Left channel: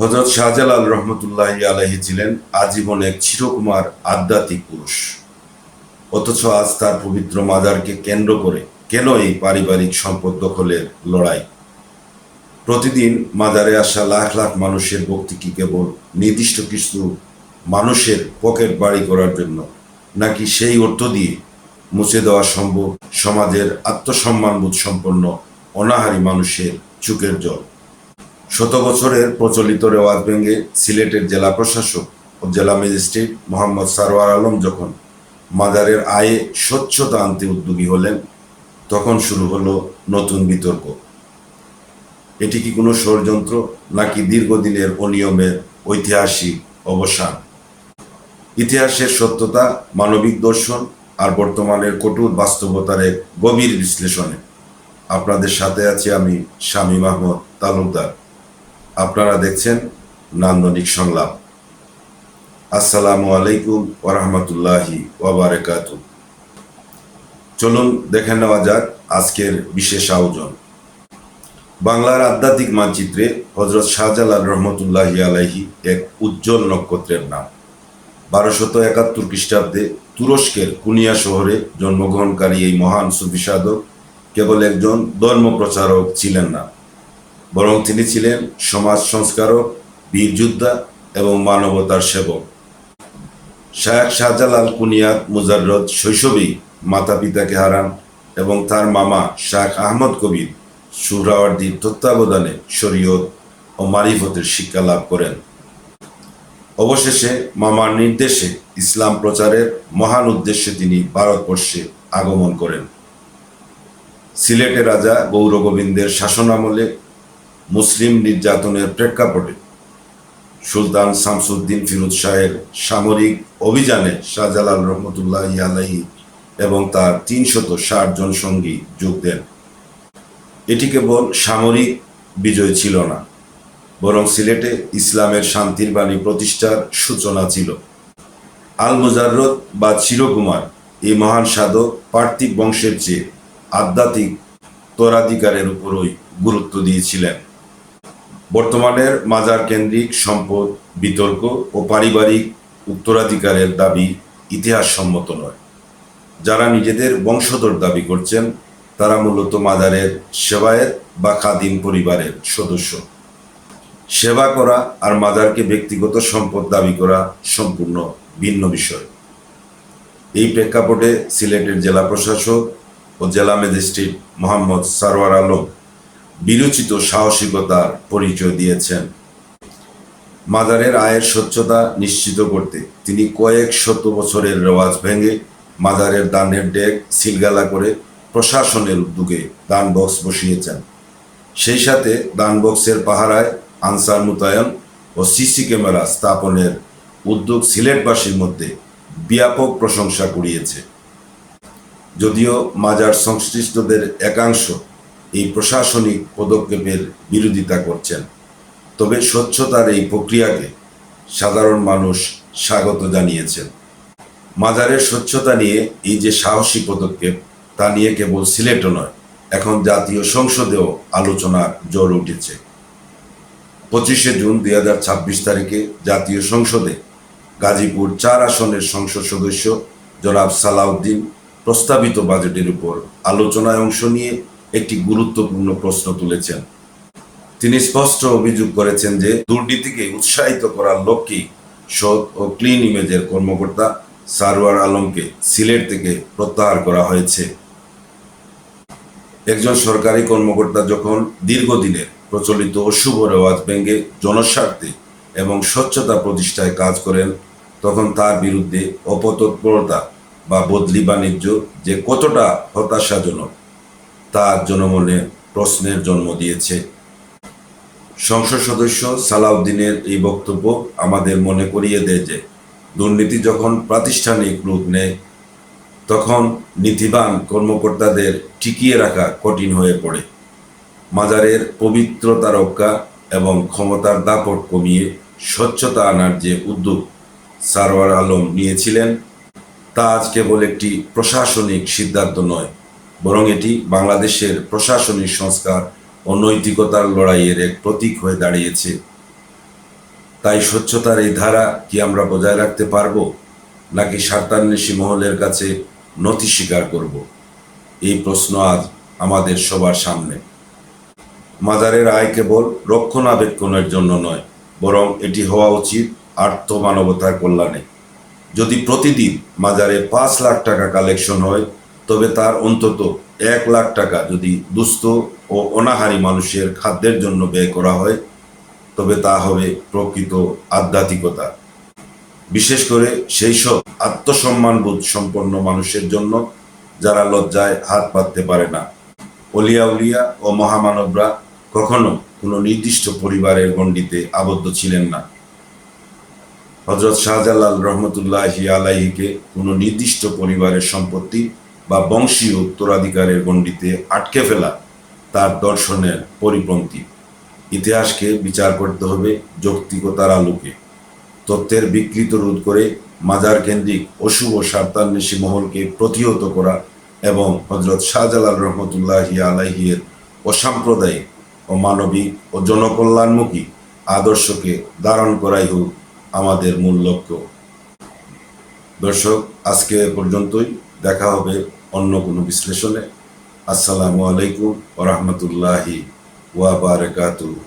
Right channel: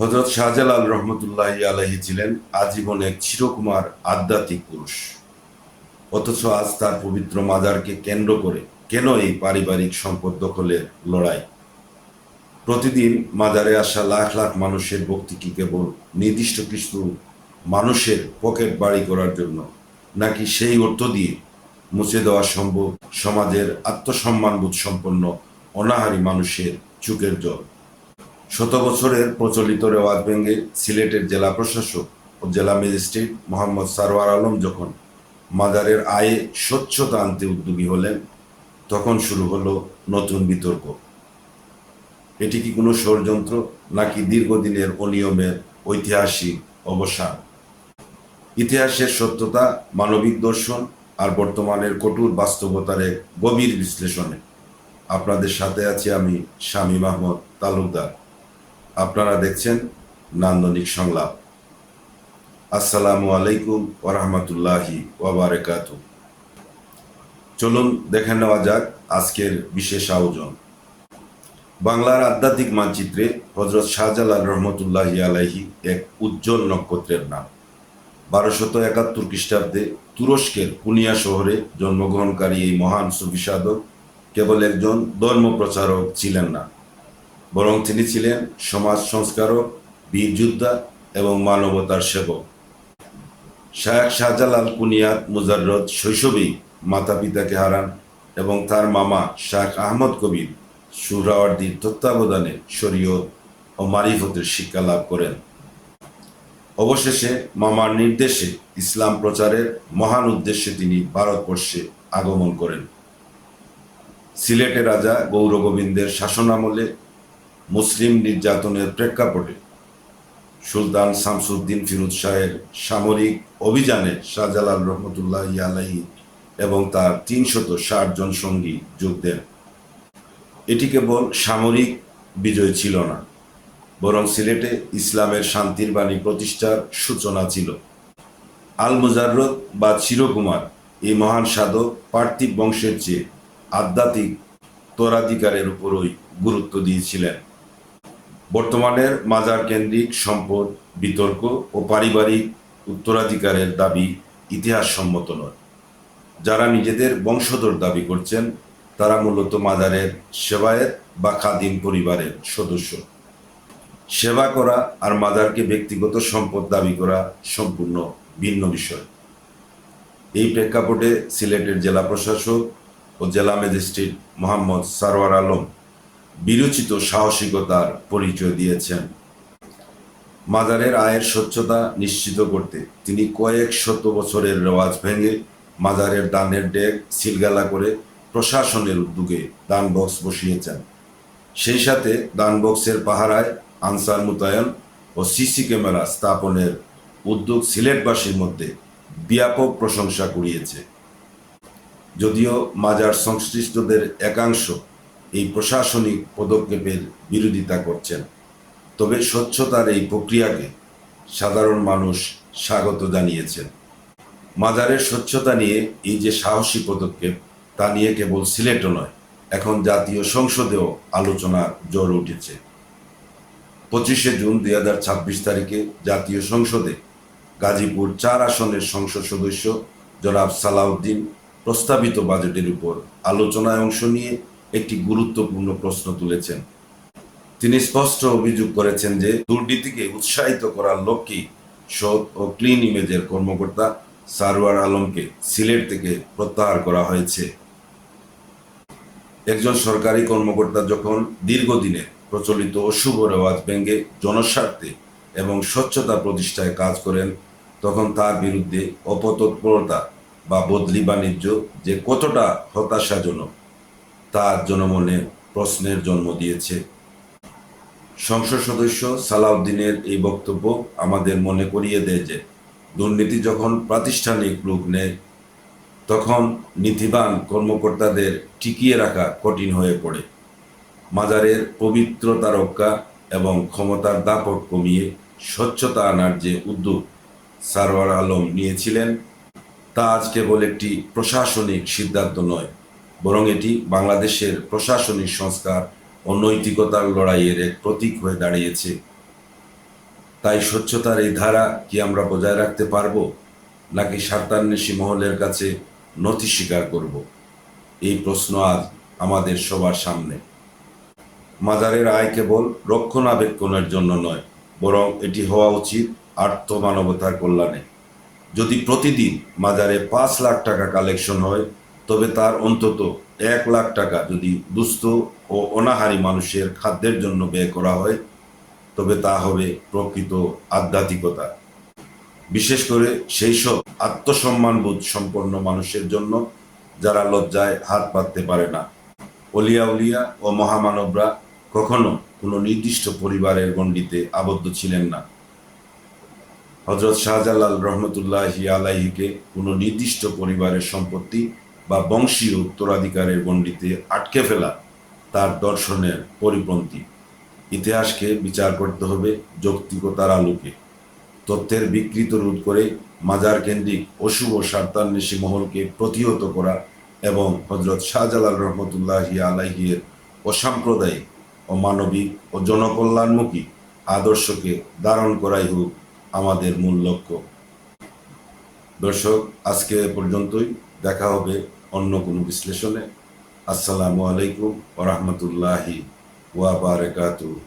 হযরত শাহজালাল রহমতুল্লাহি আলাইহি ছিলেন আজীবন এক চিরকুমার আধ্যাত্মিক পুরুষ। অথচ আজ তার পবিত্র মাজারকে কেন্দ্র করে কেন এই পারিবারিক সম্পদ দখলের লড়াই? প্রতিদিন মাজারে আসা লাখ লাখ মানুষের ভক্তি কি কেবল নির্দিষ্ট কিছু মানুষের পকেট বাড়ি করার জন্য, নাকি সেই অর্থ দিয়ে মুছে দেওয়া সম্ভব সমাজের আত্মসম্মানবোধ সম্পন্ন অনাহারী মানুষের চোখের জল? শত বছরের প্রচলিত রেওয়াজ ভেঙে সিলেটের জেলা প্রশাসক ও জেলা ম্যাজিস্ট্রেট মোহাম্মদ সারওয়ার আলম যখন মাজারের আয়ে স্বচ্ছতা আনতে উদ্যোগী হলেন, তখন শুরু হলো নতুন বিতর্ক। এটি কি কোনো ষড়যন্ত্র, নাকি দীর্ঘদিনের অনিয়মের ঐতিহাসিক অবসান? ইতিহাসের সত্যতা, মানবিক দর্শন আর বর্তমানের কঠোর বাস্তবতার এক গভীর বিশ্লেষণে আপনাদের সাথে আছি আমি, শামীম আহমদ তালুকদার। আপনারা দেখছেন নান্দনিক সংলাপ। আসসালামু আলাইকুম ওয়া রাহমাতুল্লাহি ওয়া বারাকাতুহু। চলুন দেখে নেওয়া যাক আজকের বিশেষ আয়োজন। বাংলার আধ্যাত্মিক মানচিত্রে হযরত শাহজালাল রহমতুল্লাহি আলাইহি এক উজ্জ্বল নক্ষত্রের নাম। 1271 খ্রিস্টাব্দে তুরস্কের কুনিয়া শহরে জন্মগ্রহণকারী এই মহান সুফি সাধক কেবল একজন ধর্ম প্রচারক ছিলেন না, বরং তিনি ছিলেন সমাজ সংস্কারক, বীর যোদ্ধা এবং মানবতার সেবক। শায়খ শাহজালাল কুনিয়াত মুজাররদ শৈশবেই মাতা পিতাকে হারান এবং তার মামা শায়খ আহমদ কবির সুহরাওয়ার্দীর তত্ত্বাবধানে শরীয়ত ও মারিফতের শিক্ষা লাভ করেন। অবশেষে মামার নির্দেশে ইসলাম প্রচারের মহান উদ্দেশ্যে তিনি ভারতবর্ষে আগমন করেন। সিলেটের রাজা গৌরগোবিন্দের শাসনামলে মুসলিম নির্যাতনের প্রেক্ষাপটে সুলতান শামসুদ্দিন ফিরোজ শাহের সামরিক অভিযানে শাহজালাল রহমতুল্লাহি আলাইহি এবং তার 360 জন সঙ্গী যোগ দেন। এটি কেবল সামরিক বিজয় ছিল না, বরং সিলেটে ইসলামের শান্তির বাণী প্রতিষ্ঠার সূচনা ছিল। আল মুজাররদ বা চিরকুমার এই মহান সাধক পার্থিব বংশের চেয়ে আধ্যাত্মিক উত্তরাধিকারের উপরই গুরুত্ব দিয়েছিলেন। বর্তমানের মাজার কেন্দ্রিক সম্পদ বিতর্ক ও পারিবারিক উত্তরাধিকারের দাবি ইতিহাসসম্মত নয়। যারা নিজেদের বংশধর দাবি করছেন তারা মূলত মাজারের সেবায়েত বা খাদিম পরিবারের সদস্য। সেবা করা আর মাজারকে ব্যক্তিগত সম্পদ দাবি করা সম্পূর্ণ ভিন্ন বিষয়। এই প্রেক্ষাপটে সিলেটের জেলা প্রশাসক ও জেলা ম্যাজিস্ট্রেট মোহাম্মদ সারওয়ার আলম বিরচিত সাহসিকতার পরিচয় দিয়েছেন। মাজারের আয়ের স্বচ্ছতা নিশ্চিত করতে তিনি কয়েক শত বছরের রেওয়াজ ভেঙে মাজারের দানের ডেক সিলগালা করে প্রশাসনের উদ্যোগে দান বক্স বসিয়েছেন। সেই সাথে দান বক্সের পাহারায় আনসার মোতায়েন ও সিসি ক্যামেরা স্থাপনের উদ্যোগ সিলেটবাসীর মধ্যে ব্যাপক প্রশংসা কুড়িয়েছে। যদিও মাজার সংশ্লিষ্টদের একাংশ এই প্রশাসনিক পদক্ষেপের বিরোধিতা করছেন, তবে স্বচ্ছতার এই প্রক্রিয়াকে সাধারণ মানুষ স্বাগত জানিয়েছেন। মাজারের স্বচ্ছতা নিয়ে এই যে সাহসী পদক্ষেপ, তা নিয়ে কেবল সিলেটও নয়, এখন জাতীয় সংসদেও আলোচনার জ্বর উঠেছে। 25শে জুন 2026 তারিখে জাতীয় সংসদে গাজীপুর 4 আসনের সংসদ সদস্য জনাব সালাউদ্দিন প্রস্তাবিত বাজেটের উপর আলোচনায় অংশ নিয়ে একটি গুরুত্বপূর্ণ প্রশ্ন তুলেছেন। তিনি স্পষ্ট অভিযোগ করেছেন যে দুর্নীতিকে উৎসাহিত করার লক্ষ্যেই সৎ ও ক্লিন ইমেজের কর্মকর্তা সারওয়ার আলমকে সিলেট থেকে প্রত্যাহার করা হয়েছে। একজন সরকারি কর্মকর্তা যখন দীর্ঘদিনের প্রচলিত অশুভ রেওয়াজ ভেঙে জনস্বার্থে এবং স্বচ্ছতা প্রতিষ্ঠায় কাজ করেন, তখন তার বিরুদ্ধে অপতৎপরতা বা বদলি বাণিজ্য যে কতটা হতাশাজনক তা জনমনে প্রশ্নের জন্ম দিয়েছে। সংসদ সদস্য সালাউদ্দিনের এই বক্তব্য আমাদের মনে করিয়ে দেয় যে দুর্নীতি যখন প্রাতিষ্ঠানিক রূপ নেয়, তখন নীতিবান কর্মকর্তাদের টিকিয়ে রাখা কঠিন হয়ে পড়ে। মাজারের পবিত্রতা রক্ষা এবং ক্ষমতার দাপট কমিয়ে স্বচ্ছতা আনার যে উদ্যোগ সারওয়ার আলম নিয়েছিলেন, তা আজ কেবল একটি প্রশাসনিক সিদ্ধান্ত নয়, বরং এটি বাংলাদেশের প্রশাসনিক সংস্কার ও নৈতিকতার লড়াইয়ের এক প্রতীক হয়ে দাঁড়িয়েছে। তাই স্বচ্ছতার এই ধারা কি আমরা বজায় রাখতে পারবো, নাকি স্বার্থান্বেষী মহলের কাছে নথি স্বীকার করব? এই প্রশ্ন আজ আমাদের সবার সামনে। মাজারের আয় কেবল রক্ষণাবেক্ষণের জন্য নয়, বরং এটি হওয়া উচিত আর্থ মানবতার কল্যাণে। যদি প্রতিদিন মাজারে 5 লাখ টাকা কালেকশন হয়, তবে তার অন্তত 1 লাখ টাকা যদি দুস্থ ও অনাহারী মানুষের খাদ্যের জন্য ব্যয় করা হয়, তবে তা হবে প্রকৃত আধ্যাত্মিকতা। বিশেষ করে সেই সব আত্মসম্মানবোধ সম্পন্ন মানুষের জন্য যারা লজ্জায় হাত পাততে পারে না। অলিয়া উলিয়া ও মহামানবরা কখনো কোনো নির্দিষ্ট পরিবারের গণ্ডিতে আবদ্ধ ছিলেন না। হযরত শাহজালাল রহমতুল্লাহি আলাইহিকে কোনো নির্দিষ্ট পরিবারের সম্পত্তি বা বংশীয় উত্তরাধিকারের গণ্ডিতে আটকে ফেলা তার দর্শনের পরিপন্থী। ইতিহাসকে বিচার করতে হবে যৌক্তিকতার আলোকে। তথ্যের বিকৃত রোধ করে মাজার কেন্দ্রিক অশুভ স্বার্থান্বেষী মহলকে প্রতিহত করা এবং হযরত শাহজালাল রহমতুল্লাহি আলাইহির অসাম্প্রদায়িক, অমানবিক ও জনকল্যাণমুখী আদর্শকে ধারণ করাই হোক আমাদের মূল লক্ষ্য। দর্শক, আজকে এ পর্যন্তই। দেখা হবে অন্য কোনো বিশ্লেষণে। আসসালামু আলাইকুম ওয়া রাহমাতুল্লাহি ওয়া বারাকাতুহু।